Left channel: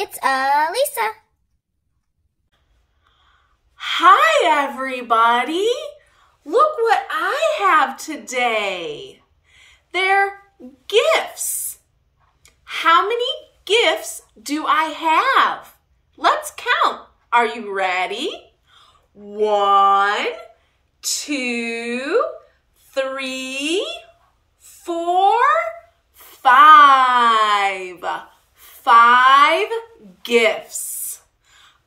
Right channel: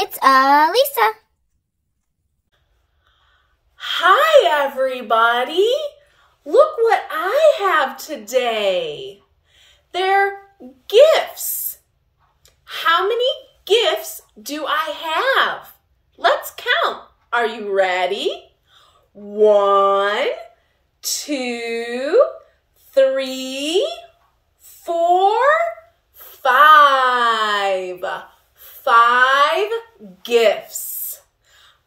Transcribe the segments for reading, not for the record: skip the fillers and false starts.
It's Alisa. Hi, everybody. Look what I have today. They're gifts. How many gifts do I have? Let's count. Are you ready? 1, 2, 3, 4, 5. 5 gifts.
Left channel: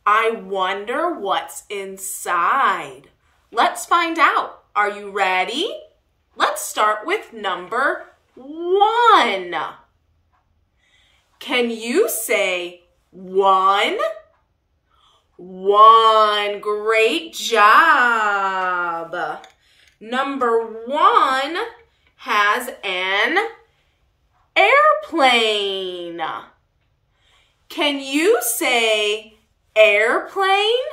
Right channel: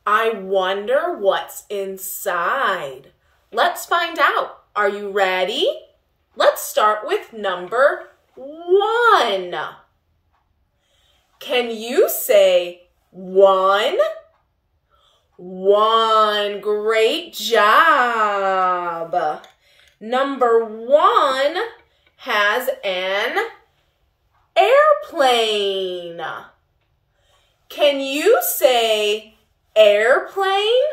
I wonder what's inside. Let's find out. Are you ready? Let's start with number 1. Can you say 1? 1. Great job. Number 1 has an airplane. Can you say airplane?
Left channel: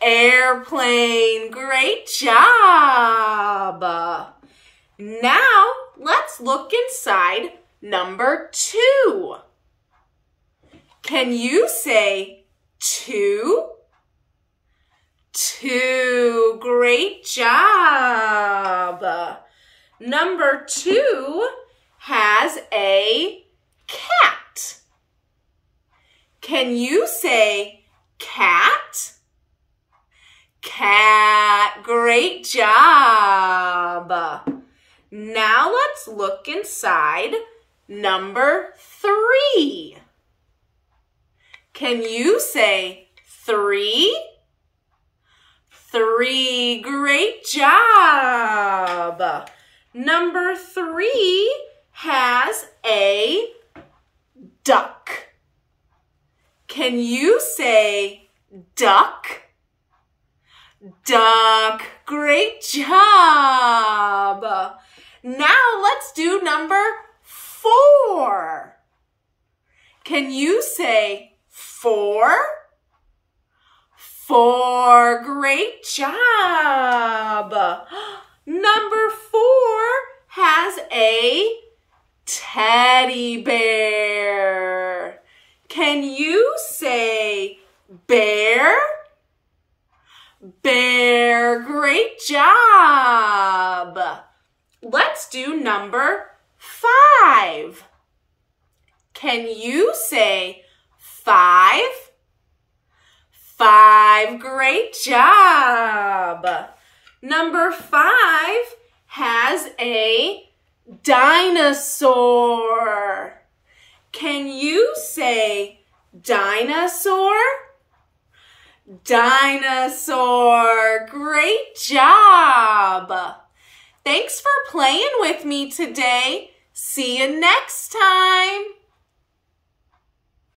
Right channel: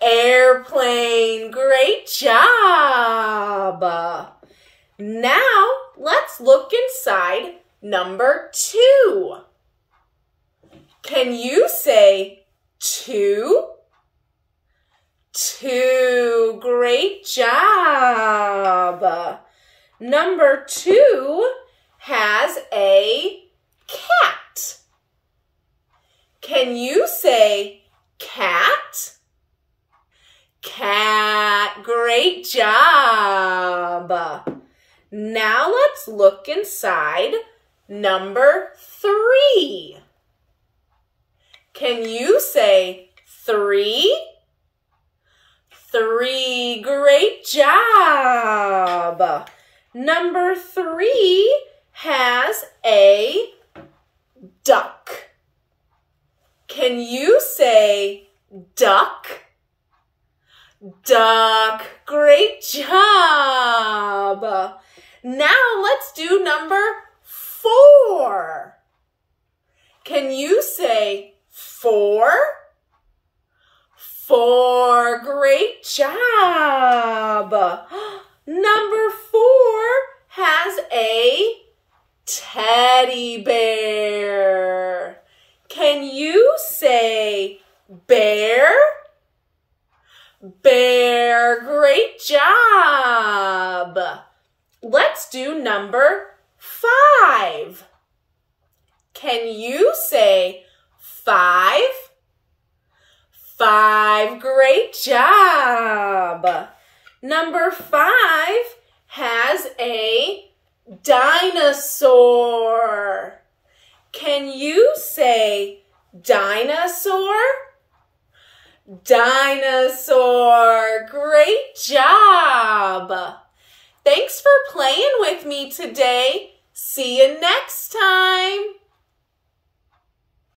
Airplane. Great job. Now let's look inside number 2. Can you say 2? 2. Great job. Number 2 has a cat. Can you say cat? Cat. Great job. Now let's look inside number 3. Can you say 3? 3. Great job. Number 3 has a duck. Can you say duck? Duck. Great job. Now let's do number 4. Can you say 4? 4. Great job. Number 4 has a teddy bear. Can you say bear? Bear. Great job. Let's do number 5. Can you say 5? 5. Great job. Number 5 has a dinosaur. Can you say dinosaur? Dinosaur. Great job. Thanks for playing with me today. See you next time.